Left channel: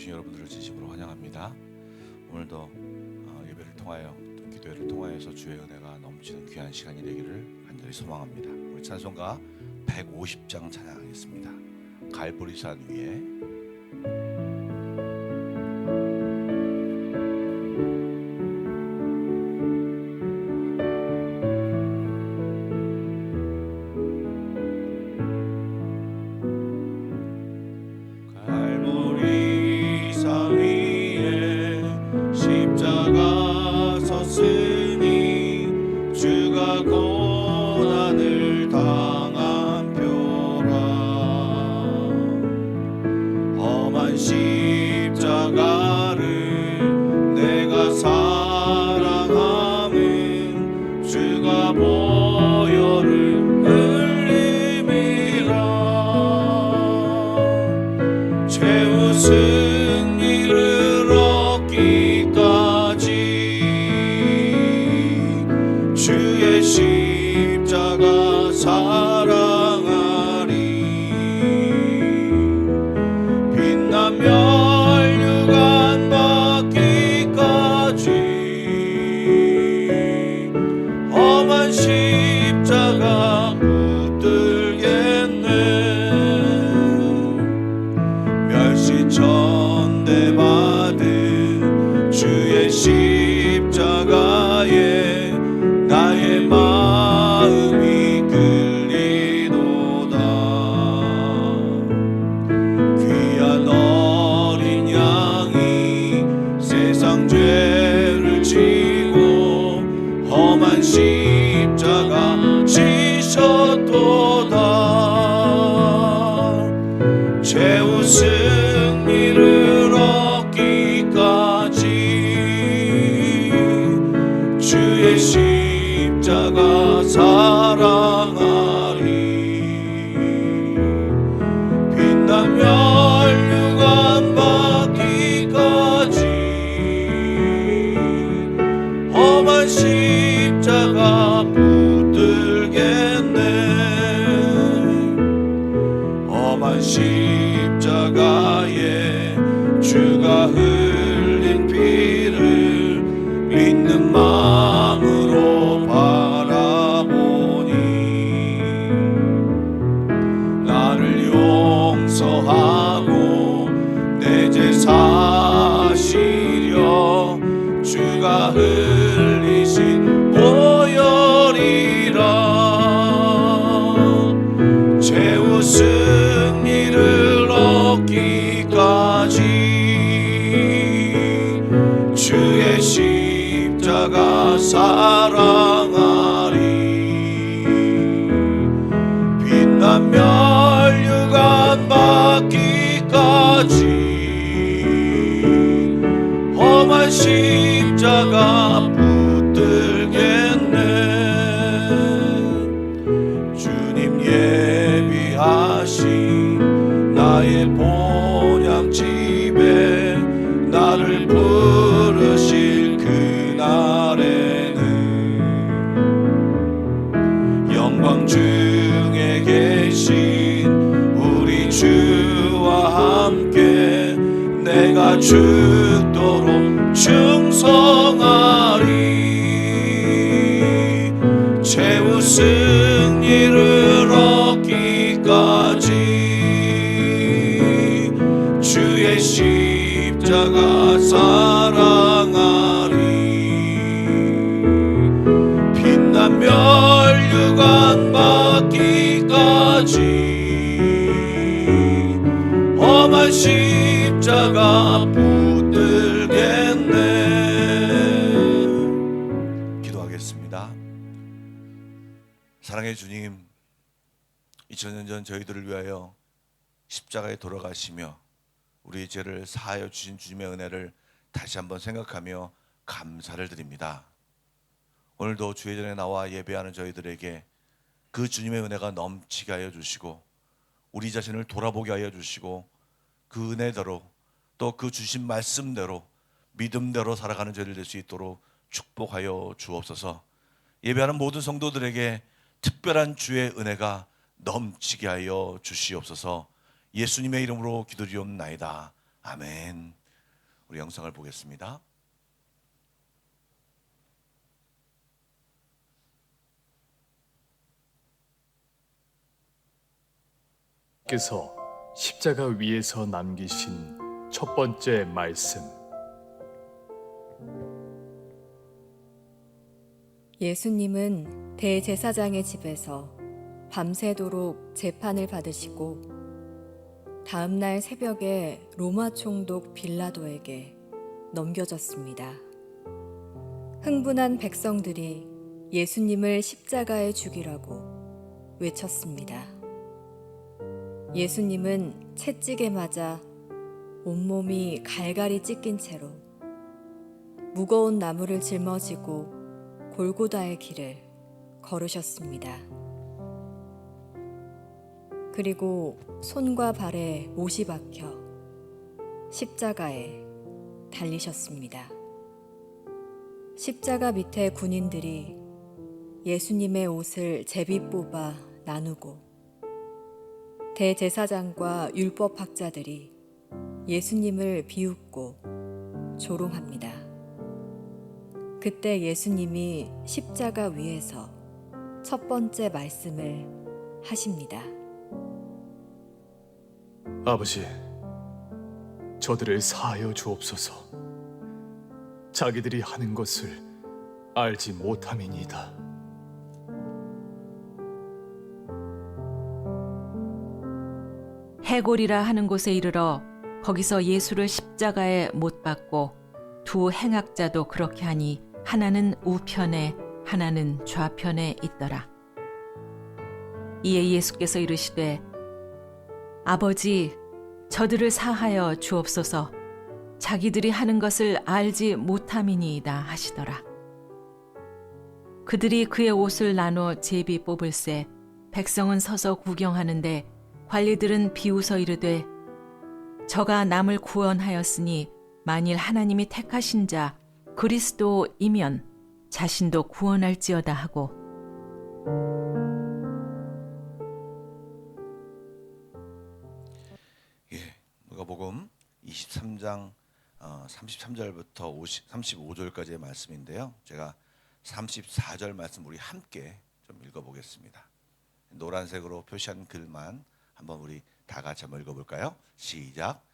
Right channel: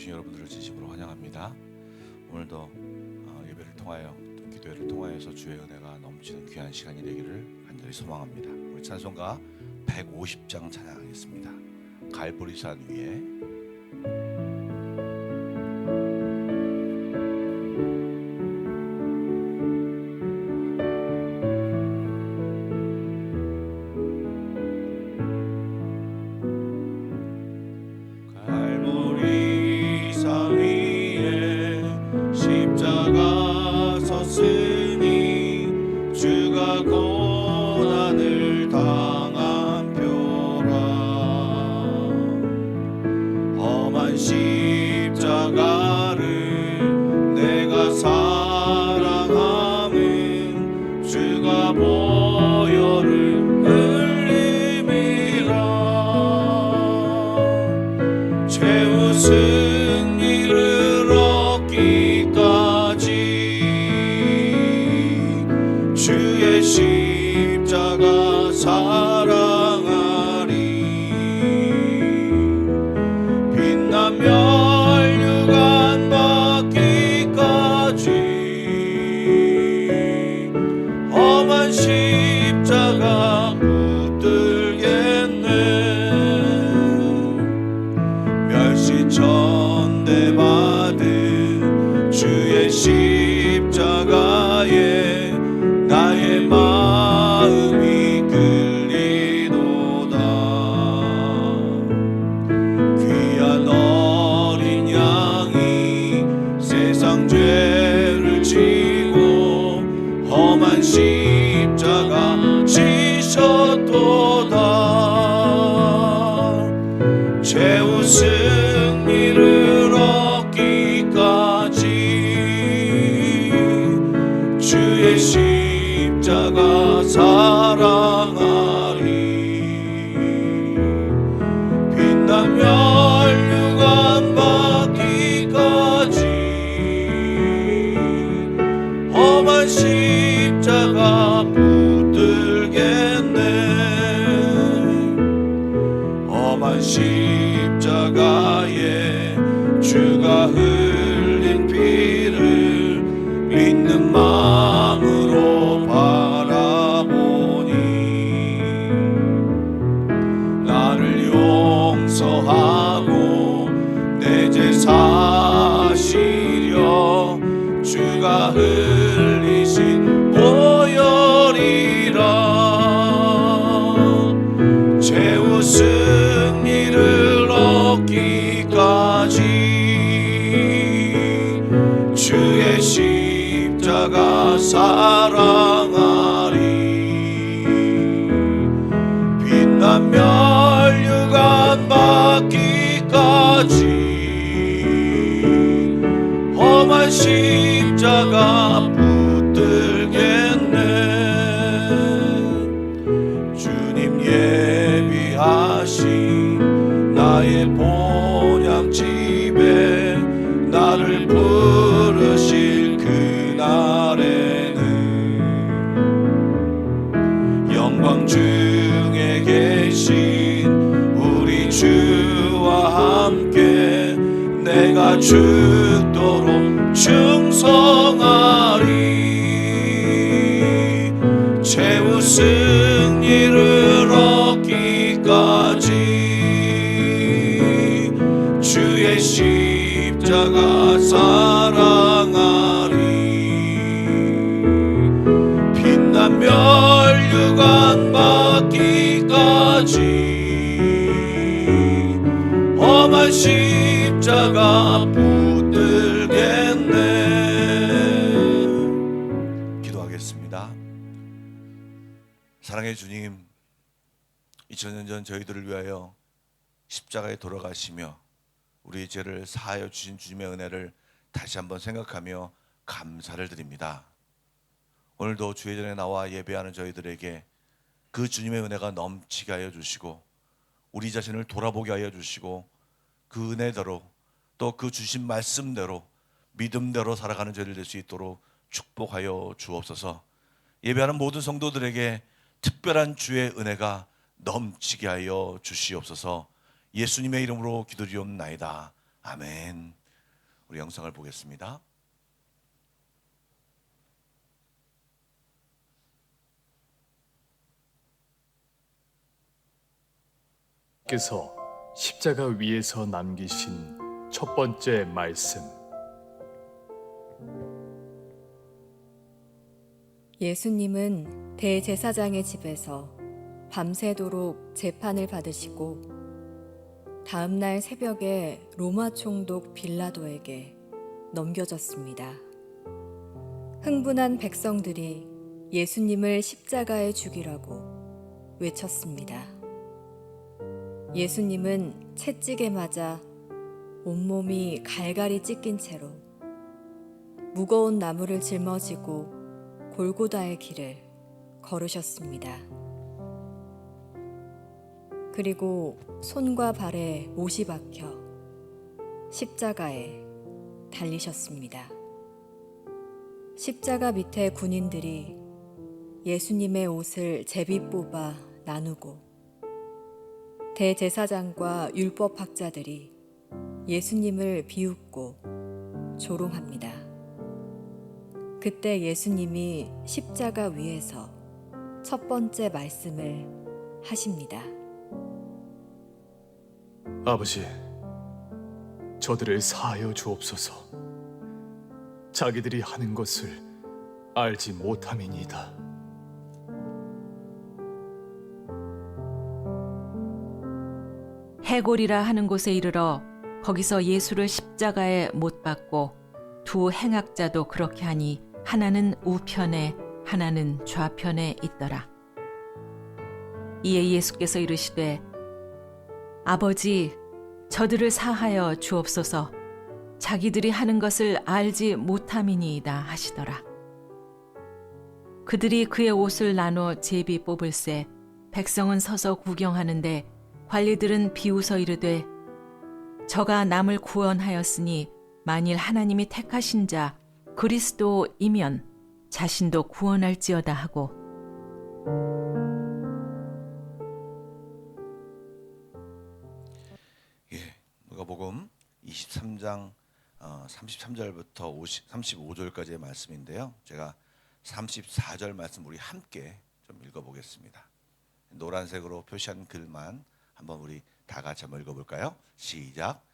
오신 여러분들을 진심으로 환영합니다. 오늘도 예배를 통하여 또 기도회를 통하여서 주의 은혜가 넘치는 귀한 시간이 되기를 간절히 소망합니다. 우리 찬송가 150장 찬양하겠습니다. 갈보리산 위에. 승리를 얻기까지 주의 십자가 사랑하리. 빛나며 혈관 받기까지 험한 십자가 전대받은 주의 십자가에 나의 마음이 끌리도다. 귀한 어린 양이 세상 죄를 지고 험한 십자가 지셨도다. 최후 승리를 얻기까지 주의 십자가 사랑하리. 빛나며 혈관 받기까지 험한 십자가 붙들겠네. 험한 십자가에 주가 흘린 피를 믿는 마음으로 바라보니 나를 용서하고 내 죄 사시려 주가 흘리신 보혈이라. 최후 승리를 얻기까지 주의 십자가 사랑하리. 빛나며 혈관 받기까지 험한 십자가 붙들겠네. 주님 예비하신 나의 본향집에 나를 부르실 그날에는 영광 중에 계신 우리 주와 함께 내가 죽도록 충성하리. 최후 승리를 얻기까지 주의 십자가 사랑하리. 빛나며 혈관 받기까지 험한 십자가 붙들겠네. 기도하겠습니다. 사랑의 주님, 2000년 전 저희들을 위하여 십자가에 돌아가시며 우리의 죄를 사하여 주신 주님의 은혜를 다시 한번 생각하며 감사를 드립니다. 오늘도 주의 전에 나와 예배하는 저희들에게 그 주님의 은혜가 넘치게 하여 주시고 우리 자신을 돌아보게 하여 주시고 그 은혜대로 또 그 주신 말씀대로 믿음대로 살아가는 저희들 될 수 있도록 축복하여 주옵소서. 예배하는 모든 성도들에게 특별한 주의 은혜가 넘치게 하여 주시옵소서. 예수님의 이름으로 기도드리옵나이다. 아멘. 우리 영상을 보겠습니다. 께서 십자가 위에서 남기신 첫 번째 말씀. 예수님은 대제사장의 집에서 밤새도록 재판을 받으시고 다음 날 새벽에 로마 총독 빌라도에게 넘겨졌습니다. 흥분한 백성들이 예수님을 십자가에 죽이라고 외쳤습니다. 예수님은 채찍에 맞아 온몸이 갈갈이 찢긴 채로 무거운 나무를 짊어지고 골고다의 길을 걸으셨습니다. 그리고 손과 발에 못이 박혀 십자가에 달리셨습니다. 십자가 밑에 군인들이 예수님의 옷을 제비 뽑아 나누고 대제사장과 율법학자들이 예수님을 비웃고 조롱합니다. 그때 예수님이 십자가 위에서 첫 번째 말씀을 하십니다. 아버지, 저들을 사하여 주옵소서. 자기들이 하는 것을 알지 못함이니이다. 해골이라 하는 곳에 이르러 거기서 예수를 십자가에 못 박고 두 행악자도 그렇게 하니 하나는 우편에 하나는 좌편에 있더라. 이에 예수께서 이르시되 아버지 저들을 사하여 주옵소서. 자기들이 하는 것을 알지 못함이니이다 하시더라. 그들이 그의 옷을 나눠 제비 뽑을새 백성은 서서 구경하는데 관리들은 비웃어 이르되 저가 남을 구원하였으니 만일 하나님이 택하신 자 그리스도이면 자신도 구원할지어다 하고 누가복음 23장 33절부터 35절까지의 말씀인데요. 제가 34절 말씀 우리 함께 좀 읽어보겠습니다. 노란색으로 표시한 글만 한번 우리 다 같이 한번 읽어볼까요? 시작.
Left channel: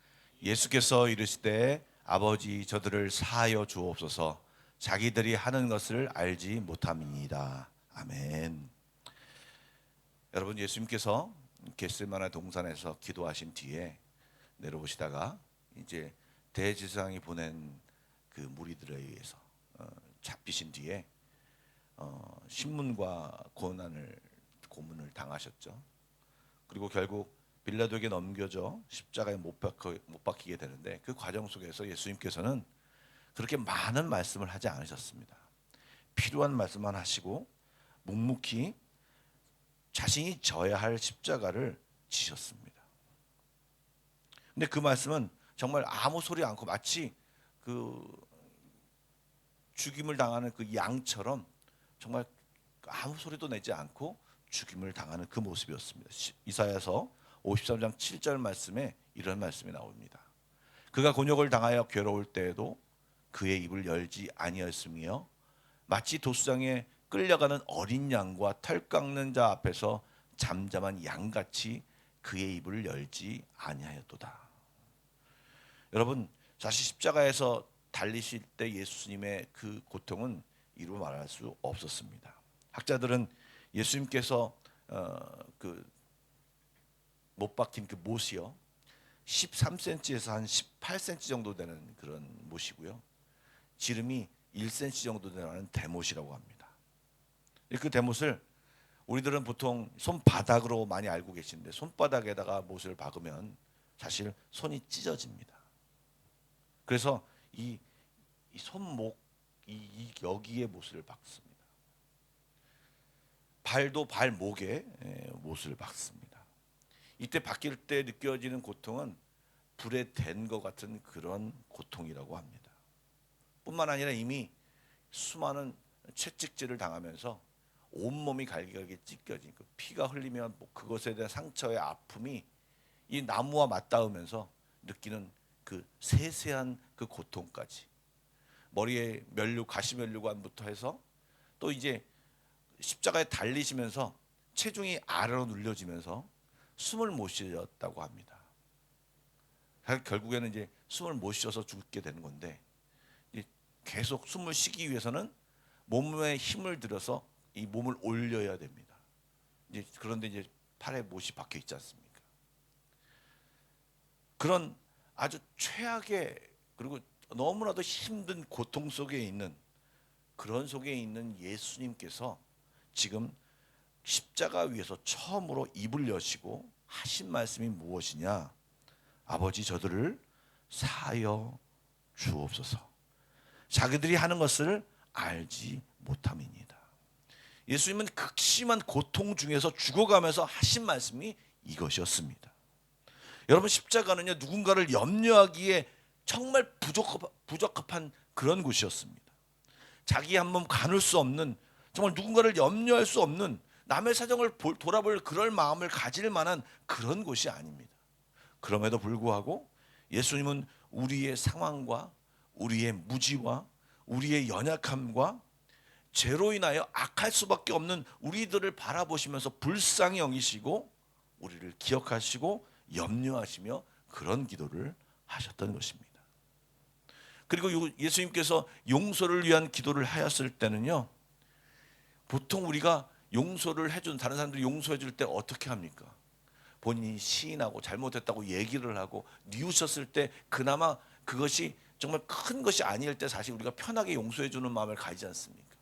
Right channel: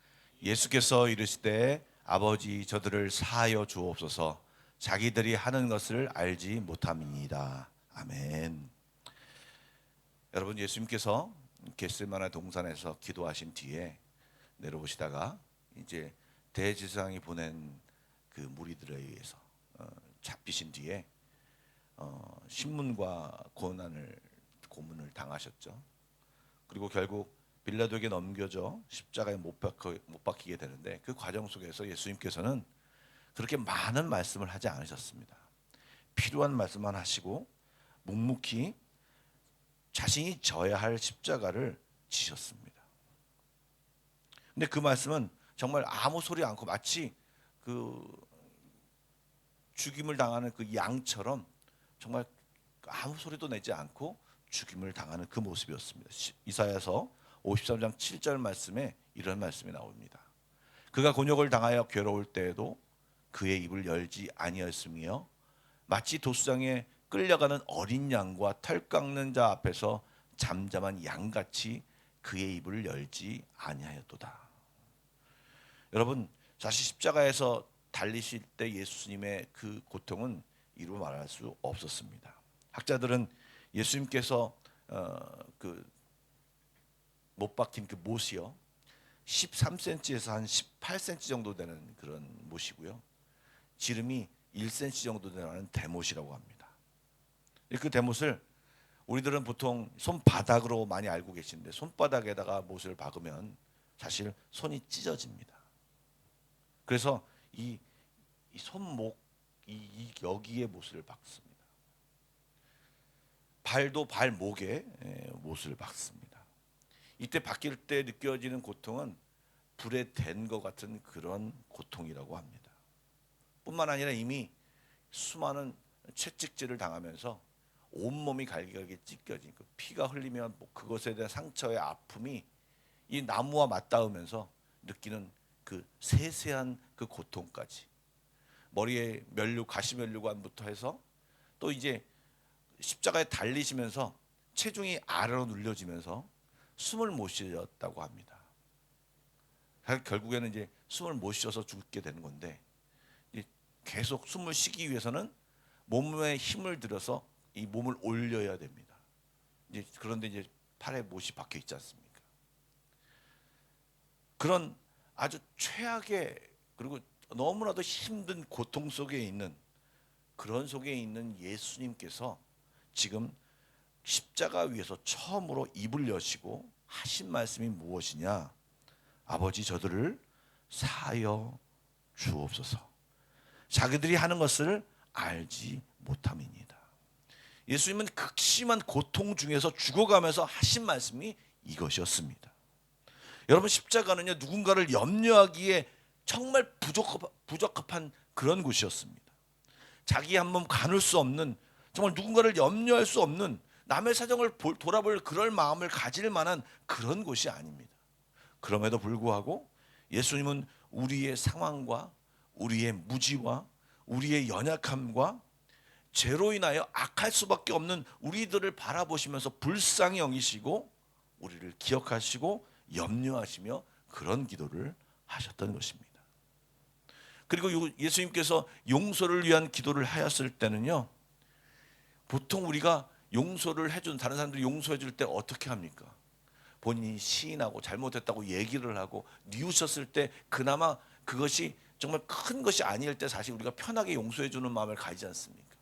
예수께서 이르시되 아버지 저들을 사하여 주옵소서. 자기들이 하는 것을 알지 못함이니이다. 아멘. 여러분, 예수님께서 겟세마네 동산에서 기도하신 뒤에 내려오시다가 이제 대제사장이 보낸 그 무리들에 의해서 잡히신 뒤에 신문과 고문을 당하셨죠. 그리고 결국 빌라도에게 넘겨져 십자가에 못 박히게 되는데 그 과정 속에서 예수님께서는 그렇게 많은 말씀을 하지 않으셨습니다. 필요한 말씀만 하시고 묵묵히 자신이 져야 할 십자가를 지셨습니다. 근데 그 말씀은 정말 아무 소리 않고 마치 그 죽임을 당하는 그 양처럼 정말 아무 소리도 내지 않고 죽임을 당하는 그 모습이었습니다. 이사야서 53장 7절 말씀에 이런 말씀이 나옵니다. 그가 곤욕을 당하여 괴로울 때에도 그의 입을 열지 아니하였으며 마치 도수장에 끌려가는 어린 양과 털 깎는 자 앞에서 잠잠한 양같이 그의 입을 열지 아니하였도다. 여러분, 사실 십자가에서 달리실 때 예수님의 그 고통은 이루 말할 수 없었습니다. 학자들은 예수님께서 그 못 박힌 그 못이요 13cm에서 한 18cm 정도 되는 그런 못이고요, 지름이 1cm 정도 되는 대못이라고 합니다. 그 대못을 우리들은 보통 손바닥으로 많이 알고 계시는데 손바닥에다가 못을 박으면 사실 손이 찢어집니다. 그래서 이 손목 여기에 못을 박습니다. 발도 발목에 못을 박습니다. 이때 박힐 때 느껴지는 고통은 불에 댄 것 같은 그런 고통이라고 합니다. 뿐만 아니라 이미 수많은 채찍질을 당하면서 온몸이 갈기갈기 찢겨진 그 피가 흘리면 그것에 대한 상처의 아픔이 이 나무와 맞닿으면서 느끼는 그 세세한 그 고통까지, 머리에 면류, 가시 면류관부터 해서 또 이제 십자가에 달리시면서 체중이 아래로 눌려지면서 숨을 못 쉬었다고 합니다. 결국에는 이제 숨을 못 쉬어서 죽게 되는 건데, 계속 숨을 쉬기 위해서는 몸에 힘을 들여서 이 몸을 올려야 됩니다. 그런데 이제 팔에 못이 박혀 있지 않습니까? 그런 아주 최악의, 그리고 너무나도 힘든 고통 속에 있는, 그런 속에 있는 예수님께서 지금 십자가 위에서 처음으로 입을 여시고 하신 말씀이 무엇이냐? 아버지, 저들을 사하여 주옵소서. 자기들이 하는 것을 알지 못함이니이다. 예수님은 극심한 고통 중에서 죽어가면서 하신 말씀이 이것이었습니다. 여러분, 십자가는요, 누군가를 염려하기에 정말 부적합한 그런 곳이었습니다. 자기 한 몸 가눌 수 없는, 정말 누군가를 염려할 수 없는, 남의 사정을 돌아볼 그럴 마음을 가질 만한 그런 곳이 아닙니다. 그럼에도 불구하고 예수님은 우리의 상황과 우리의 무지와 우리의 연약함과 죄로 인하여 악할 수밖에 없는 우리들을 바라보시면서 불쌍히 여기시고 우리를 기억하시고 염려하시며 그런 기도를 하셨던 것입니다. 그리고 예수님께서 용서를 위한 기도를 하였을 때는요, 보통 우리가 용서를 해준, 다른 사람들이 용서해 줄 때 어떻게 합니까? 본인이 시인하고 잘못했다고 얘기를 하고 뉘우쳤을 때 그나마 그것이 정말 큰 것이 아닐 때 사실 우리가 편하게 용서해 주는 마음을 가지지 않습니까?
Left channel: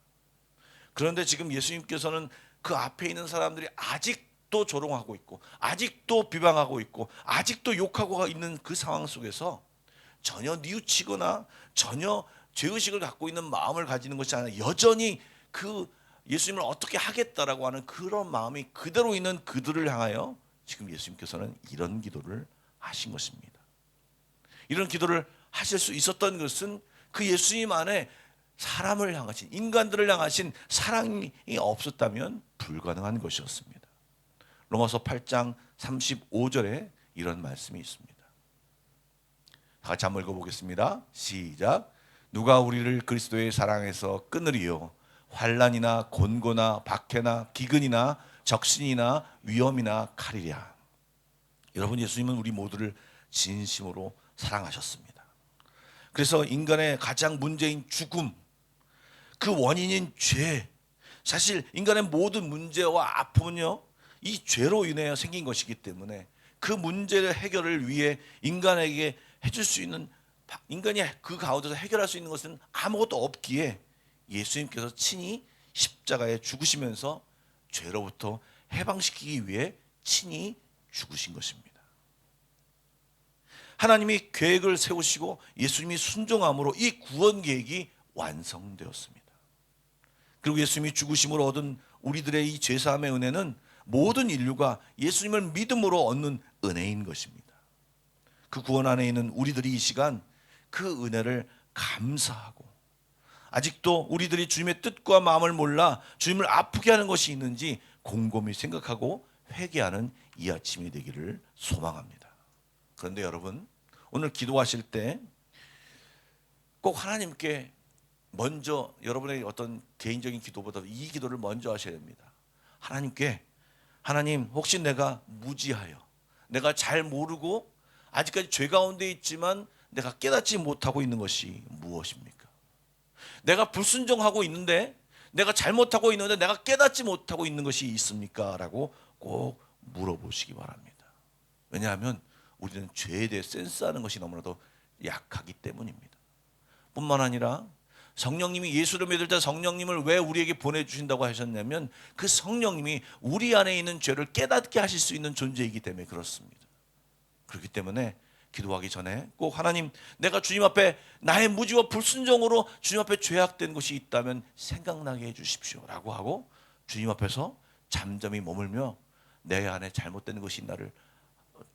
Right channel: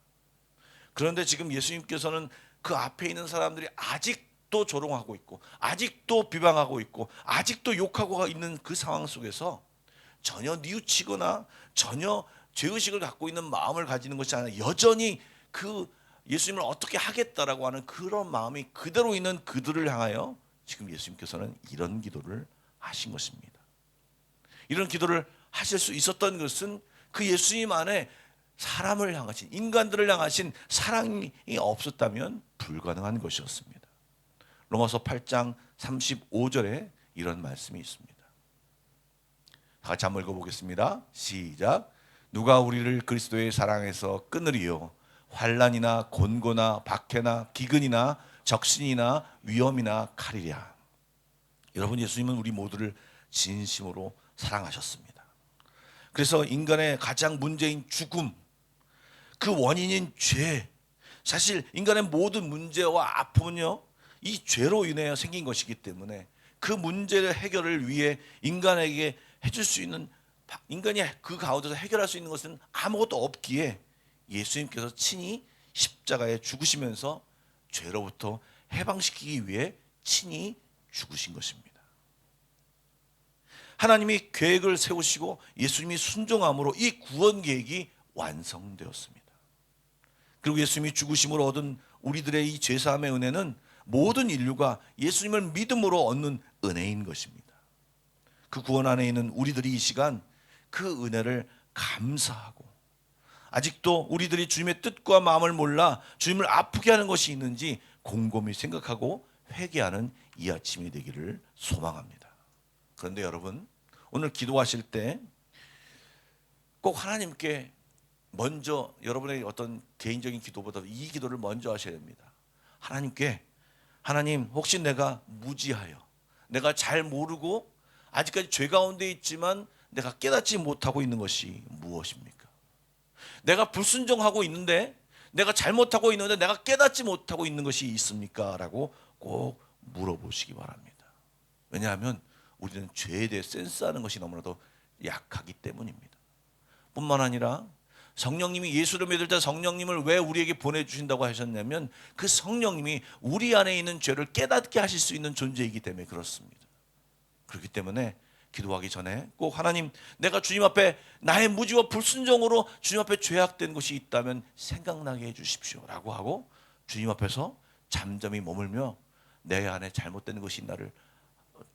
그런데 지금 예수님께서는 그 앞에 있는 사람들이 아직도 조롱하고 있고 아직도 비방하고 있고 아직도 욕하고 있는 그 상황 속에서 전혀 뉘우치거나 전혀 죄의식을 갖고 있는 마음을 가지는 것이 아니라 여전히 그 예수님을 어떻게 하겠다라고 하는 그런 마음이 그대로 있는 그들을 향하여 지금 예수님께서는 이런 기도를 하신 것입니다. 이런 기도를 하실 수 있었던 것은 그 예수님 안에 사람을 향하신, 인간들을 향하신 사랑이 없었다면 불가능한 것이었습니다. 로마서 8장 35절에 이런 말씀이 있습니다. 같이 한번 읽어보겠습니다. 시작. 누가 우리를 그리스도의 사랑에서 끊으리요? 환난이나 곤고나 박해나 기근이나 적신이나 위험이나 칼이랴. 여러분, 예수님은 우리 모두를 진심으로 사랑하셨습니다. 그래서 인간의 가장 문제인 죽음, 그 원인인 죄, 사실 인간의 모든 문제와 아픔은요, 이 죄로 인해 생긴 것이기 때문에 그 문제의 해결을 위해 인간에게 해줄 수 있는, 인간이 그 가운데서 해결할 수 있는 것은 아무것도 없기에 예수님께서 친히 십자가에 죽으시면서 죄로부터 해방시키기 위해 친히 죽으신 것입니다. 하나님이 계획을 세우시고 예수님이 순종함으로 이 구원 계획이 완성되었습니다. 그리고 예수님이 죽으심으로 얻은 우리들의 이 죄사함의 은혜는 모든 인류가 예수님을 믿음으로 얻는 은혜인 것입니다. 그 구원 안에 있는 우리들이 이 시간 그 은혜를 감사하고, 아직도 우리들이 주님의 뜻과 마음을 몰라 주님을 아프게 하는 것이 있는지 곰곰이 생각하고 회개하는 이 아침이 되기를 소망합니다. 그런데 여러분, 오늘 기도하실 때 꼭 하나님께 먼저, 여러분의 어떤 개인적인 기도보다 이 기도를 먼저 하셔야 됩니다. 하나님께, 하나님, 혹시 내가 무지하여, 내가 잘 모르고 아직까지 죄 가운데 있지만 내가 깨닫지 못하고 있는 것이 무엇입니까? 내가 불순종하고 있는데, 내가 잘못하고 있는데 내가 깨닫지 못하고 있는 것이 있습니까? 라고 꼭 물어보시기 바랍니다. 왜냐하면 우리는 죄에 대해 센스하는 것이 너무나도 약하기 때문입니다. 뿐만 아니라 성령님이, 예수를 믿을 때 성령님을 왜 우리에게 보내주신다고 하셨냐면 그 성령님이 우리 안에 있는 죄를 깨닫게 하실 수 있는 존재이기 때문에 그렇습니다. 그렇기 때문에 기도하기 전에 꼭 하나님, 내가 주님 앞에 나의 무지와 불순종으로 주님 앞에 죄악된 것이 있다면 생각나게 해주십시오 라고 하고 주님 앞에서 잠잠히 머물며 내 안에 잘못된 것이 있나를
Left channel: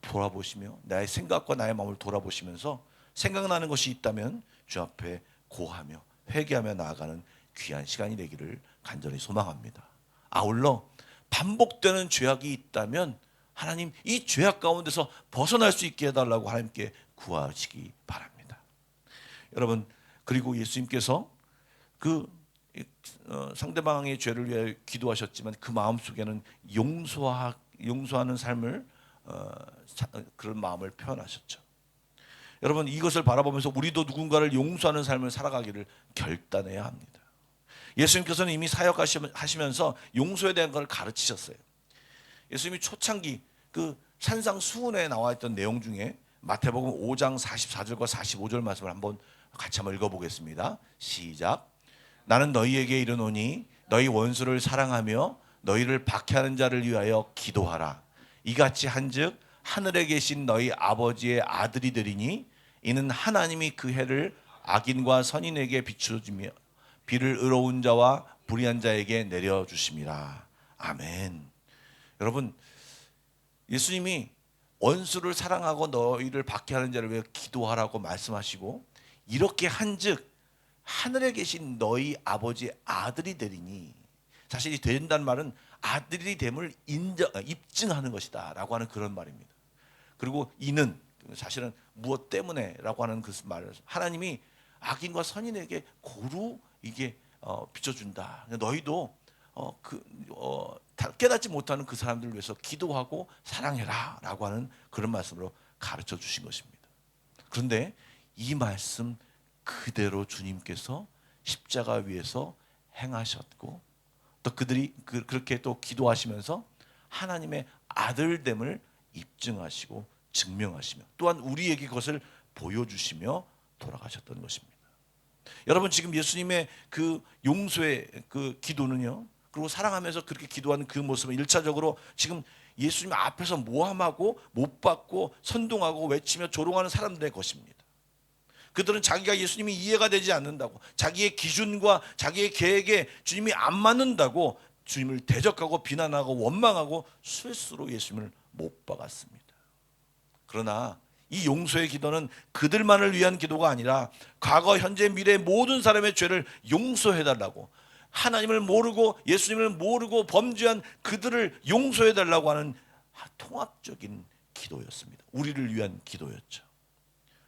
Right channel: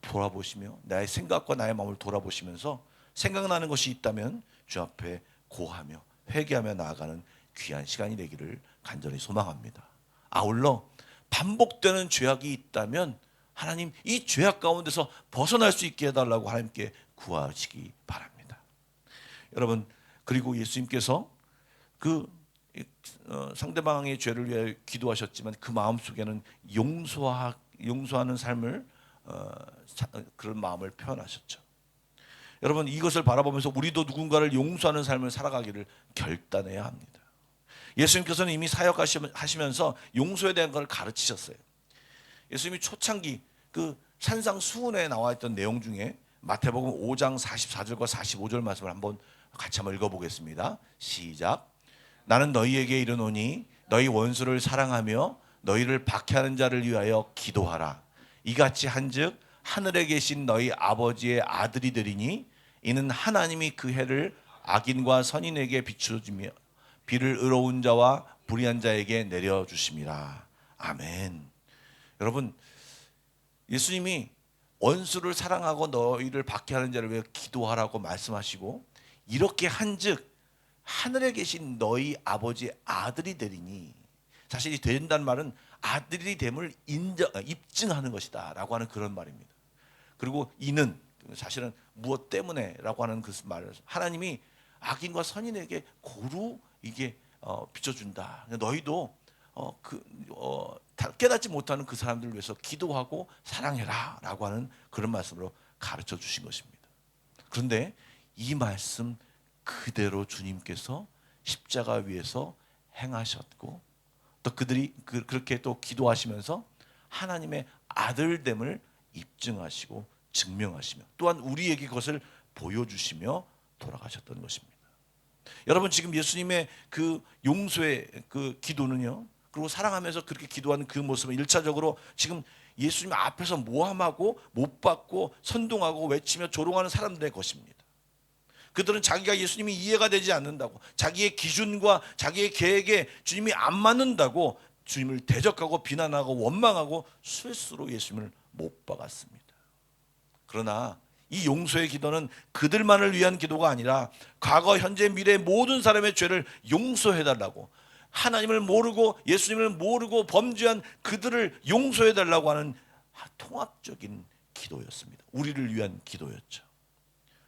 돌아보시며 나의 생각과 나의 마음을 돌아보시면서 생각나는 것이 있다면 주 앞에 고하며 회개하며 나아가는 귀한 시간이 되기를 간절히 소망합니다. 아울러 반복되는 죄악이 있다면 하나님, 이 죄악 가운데서 벗어날 수 있게 해달라고 하나님께 구하시기 바랍니다. 여러분, 그리고 예수님께서 상대방의 죄를 위해 기도하셨지만 그 마음 속에는 용서하는 삶을 그런 마음을 표현하셨죠. 여러분, 이것을 바라보면서 우리도 누군가를 용서하는 삶을 살아가기를 결단해야 합니다. 예수님께서는 이미 사역하시면서 용서에 대한 걸 가르치셨어요. 예수님이 초창기 그 산상수훈에 나와 있던 내용 중에 마태복음 5장 44절과 45절 말씀을 같이 한번 읽어보겠습니다. 시작. 나는 너희에게 이르노니 너희 원수를 사랑하며 너희를 박해하는 자를 위하여 기도하라. 이같이 한즉 하늘에 계신 너희 아버지의 아들이 되리니 이는 하나님이 그 해를 악인과 선인에게 비추어주며 비를 의로운 자와 불의한 자에게 내려주심이라. 아멘. 여러분, 예수님이 원수를 사랑하고 너희를 박해하는 자를 위해 기도하라고 말씀하시고 이렇게 한즉 하늘에 계신 너희 아버지의 아들이 되리니, 사실 이 된다는 말은 아들이 됨을 입증하는 것이다 라고 하는 그런 말입니다. 그리고 이는 사실은 무엇 때문에라고 하는 그 말을 하나님이 악인과 선인에게 고루 이게 비춰준다. 너희도 깨닫지 못하는 그 사람들을 위해서 기도하고 사랑해라 라고 하는 그런 말씀으로 가르쳐 주신 것입니다. 그런데 이 말씀 그대로 주님께서 십자가 위에서 행하셨고 또 그들이 그렇게 또 기도하시면서 하나님의 아들됨을 입증하시고 증명하시며 또한 우리에게 그것을 보여주시며 돌아가셨던 것입니다. 여러분, 지금 예수님의 그 용서의 그 기도는요, 그리고 사랑하면서 그렇게 기도하는 그 모습은 1차적으로 지금 예수님 앞에서 모함하고 못 받고 선동하고 외치며 조롱하는 사람들의 것입니다. 그들은 자기가 예수님이 이해가 되지 않는다고, 자기의 기준과 자기의 계획에 주님이 안 맞는다고 주님을 대적하고 비난하고 원망하고 스스로 예수님을 못 박았습니다. 그러나 이 용서의 기도는 그들만을 위한 기도가 아니라 과거, 현재, 미래 모든 사람의 죄를 용서해달라고, 하나님을 모르고 예수님을 모르고 범죄한 그들을 용서해달라고 하는 통합적인 기도였습니다. 우리를 위한 기도였죠.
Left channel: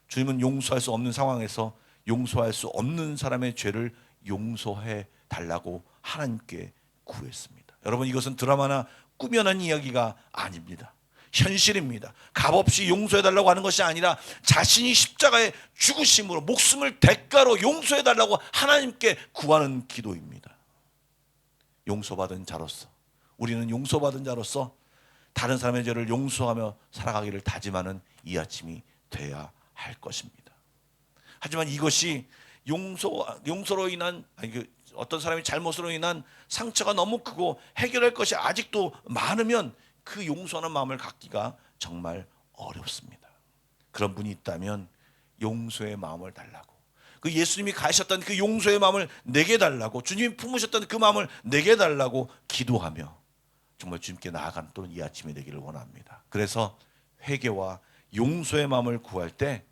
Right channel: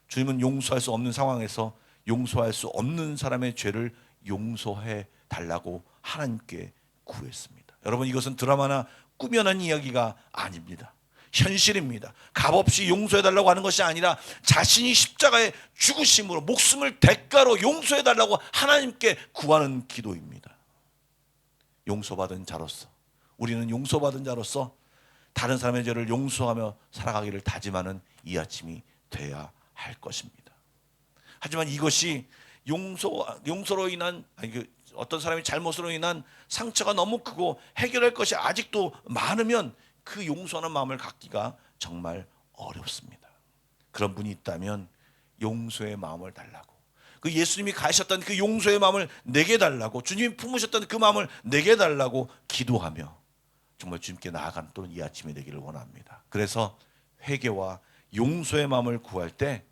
주님은 용서할 수 없는 상황에서 용서할 수 없는 사람의 죄를 용서해 달라고 하나님께 구했습니다. 여러분, 이것은 드라마나 꾸며낸 이야기가 아닙니다. 현실입니다. 값없이 용서해달라고 하는 것이 아니라 자신이 십자가에 죽으심으로 목숨을 대가로 용서해달라고 하나님께 구하는 기도입니다. 용서받은 자로서, 우리는 용서받은 자로서 다른 사람의 죄를 용서하며 살아가기를 다짐하는 이 아침이 돼야 할 것입니다. 하지만 이것이 용서로 인한 어떤 사람의 잘못으로 인한 상처가 너무 크고 해결할 것이 아직도 많으면 그 용서하는 마음을 갖기가 정말 어렵습니다. 그런 분이 있다면 용서의 마음을 달라고, 그 예수님이 가셨던 그 용서의 마음을 내게 달라고, 주님이 품으셨던 그 마음을 내게 달라고 기도하며 정말 주님께 나아가는 또는 이 아침이 되기를 원합니다. 그래서 회개와 용서의 마음을 구할 때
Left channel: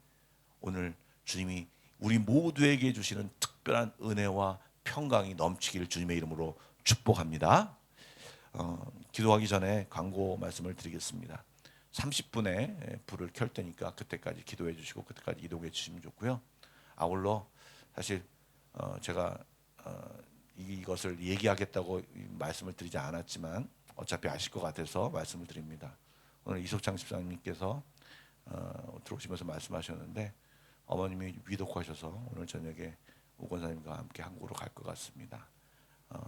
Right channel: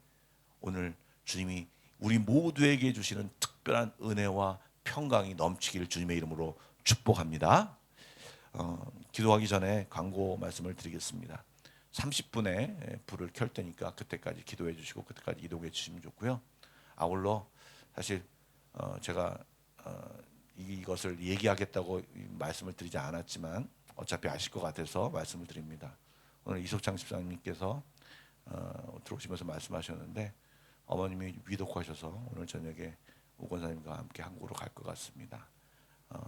오늘 주님이 우리 모두에게 주시는 특별한 은혜와 평강이 넘치기를 주님의 이름으로 축복합니다. 기도하기 전에 광고 말씀을 드리겠습니다. 30분에 불을 켤 테니까 그때까지 기도해 주시고 그때까지 이동해 주시면 좋고요. 아울러 사실 제가 이것을 얘기하겠다고 말씀을 드리지 않았지만 어차피 아실 것 같아서 말씀을 드립니다. 오늘 이석창 집사님께서 들어오시면서 말씀하셨는데 어머님이 위독하셔서 오늘 저녁에 오 권사님과 함께 한국으로 갈 것 같습니다.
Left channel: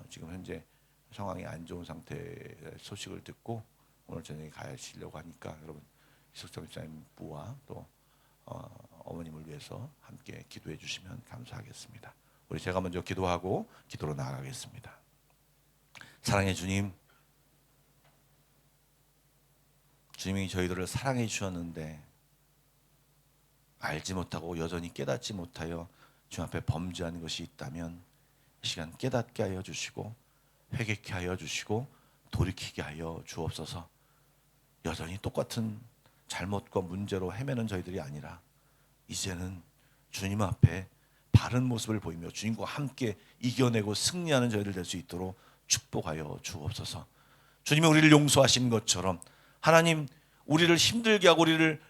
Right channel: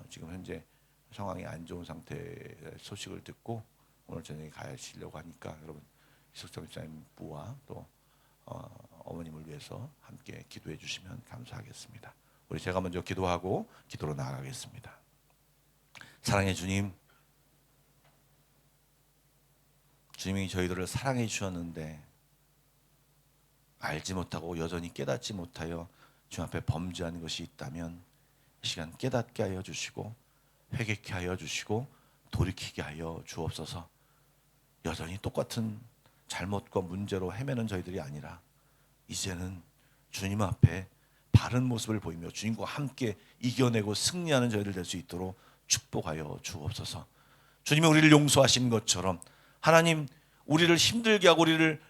지금 현재 상황이 안 좋은 상태의 소식을 듣고 오늘 저녁에 가시려고 하니까 여러분 이석창 집사님 부와 또 어머님을 위해서 함께 기도해 주시면 감사하겠습니다. 우리 제가 먼저 기도하고 기도로 나아가겠습니다. 사랑의 주님, 주님이 저희들을 사랑해 주셨는데 알지 못하고 여전히 깨닫지 못하여 주님 앞에 범죄한 것이 있다면 이 시간 깨닫게 하여 주시고 회개케 하여 주시고 돌이키게 하여 주옵소서. 여전히 똑같은 잘못과 문제로 헤매는 저희들이 아니라 이제는 주님 앞에 바른 모습을 보이며 주님과 함께 이겨내고 승리하는 저희들 될 수 있도록 축복하여 주옵소서. 주님이 우리를 용서하신 것처럼 하나님, 우리를 힘들게 하고 우리를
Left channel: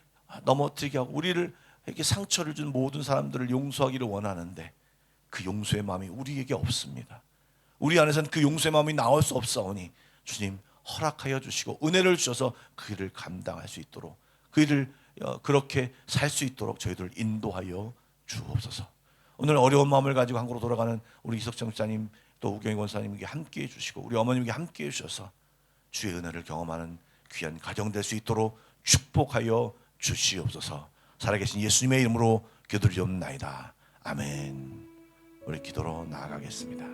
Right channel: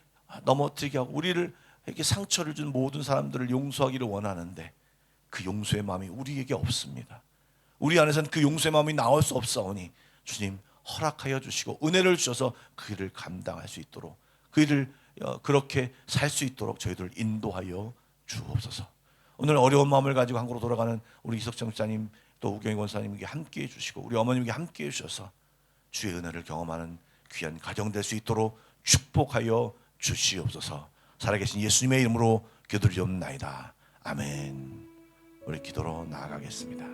넘어뜨리게 하고 우리를 이렇게 상처를 준 모든 사람들을 용서하기를 원하는데 그 용서의 마음이 우리에게 없습니다. 우리 안에서는 그 용서의 마음이 나올 수 없사오니 주님 허락하여 주시고 은혜를 주셔서 그 일을 감당할 수 있도록 그 일을 그렇게 살 수 있도록 저희들을 인도하여 주옵소서. 오늘 어려운 마음을 가지고 한국으로 돌아가는 우리 이석정 목사님 또 우경희 권사님에게 함께해 주시고 우리 어머님에게 함께해 주셔서 주의 은혜를 경험하는 귀한 가정 될 수 있도록 축복하여 주시옵소서. 살아계신 예수님의 이름으로 기도드리옵나이다. 아멘. 우리 기도로 나아가겠습니다.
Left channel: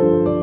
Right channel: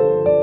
주옵소서.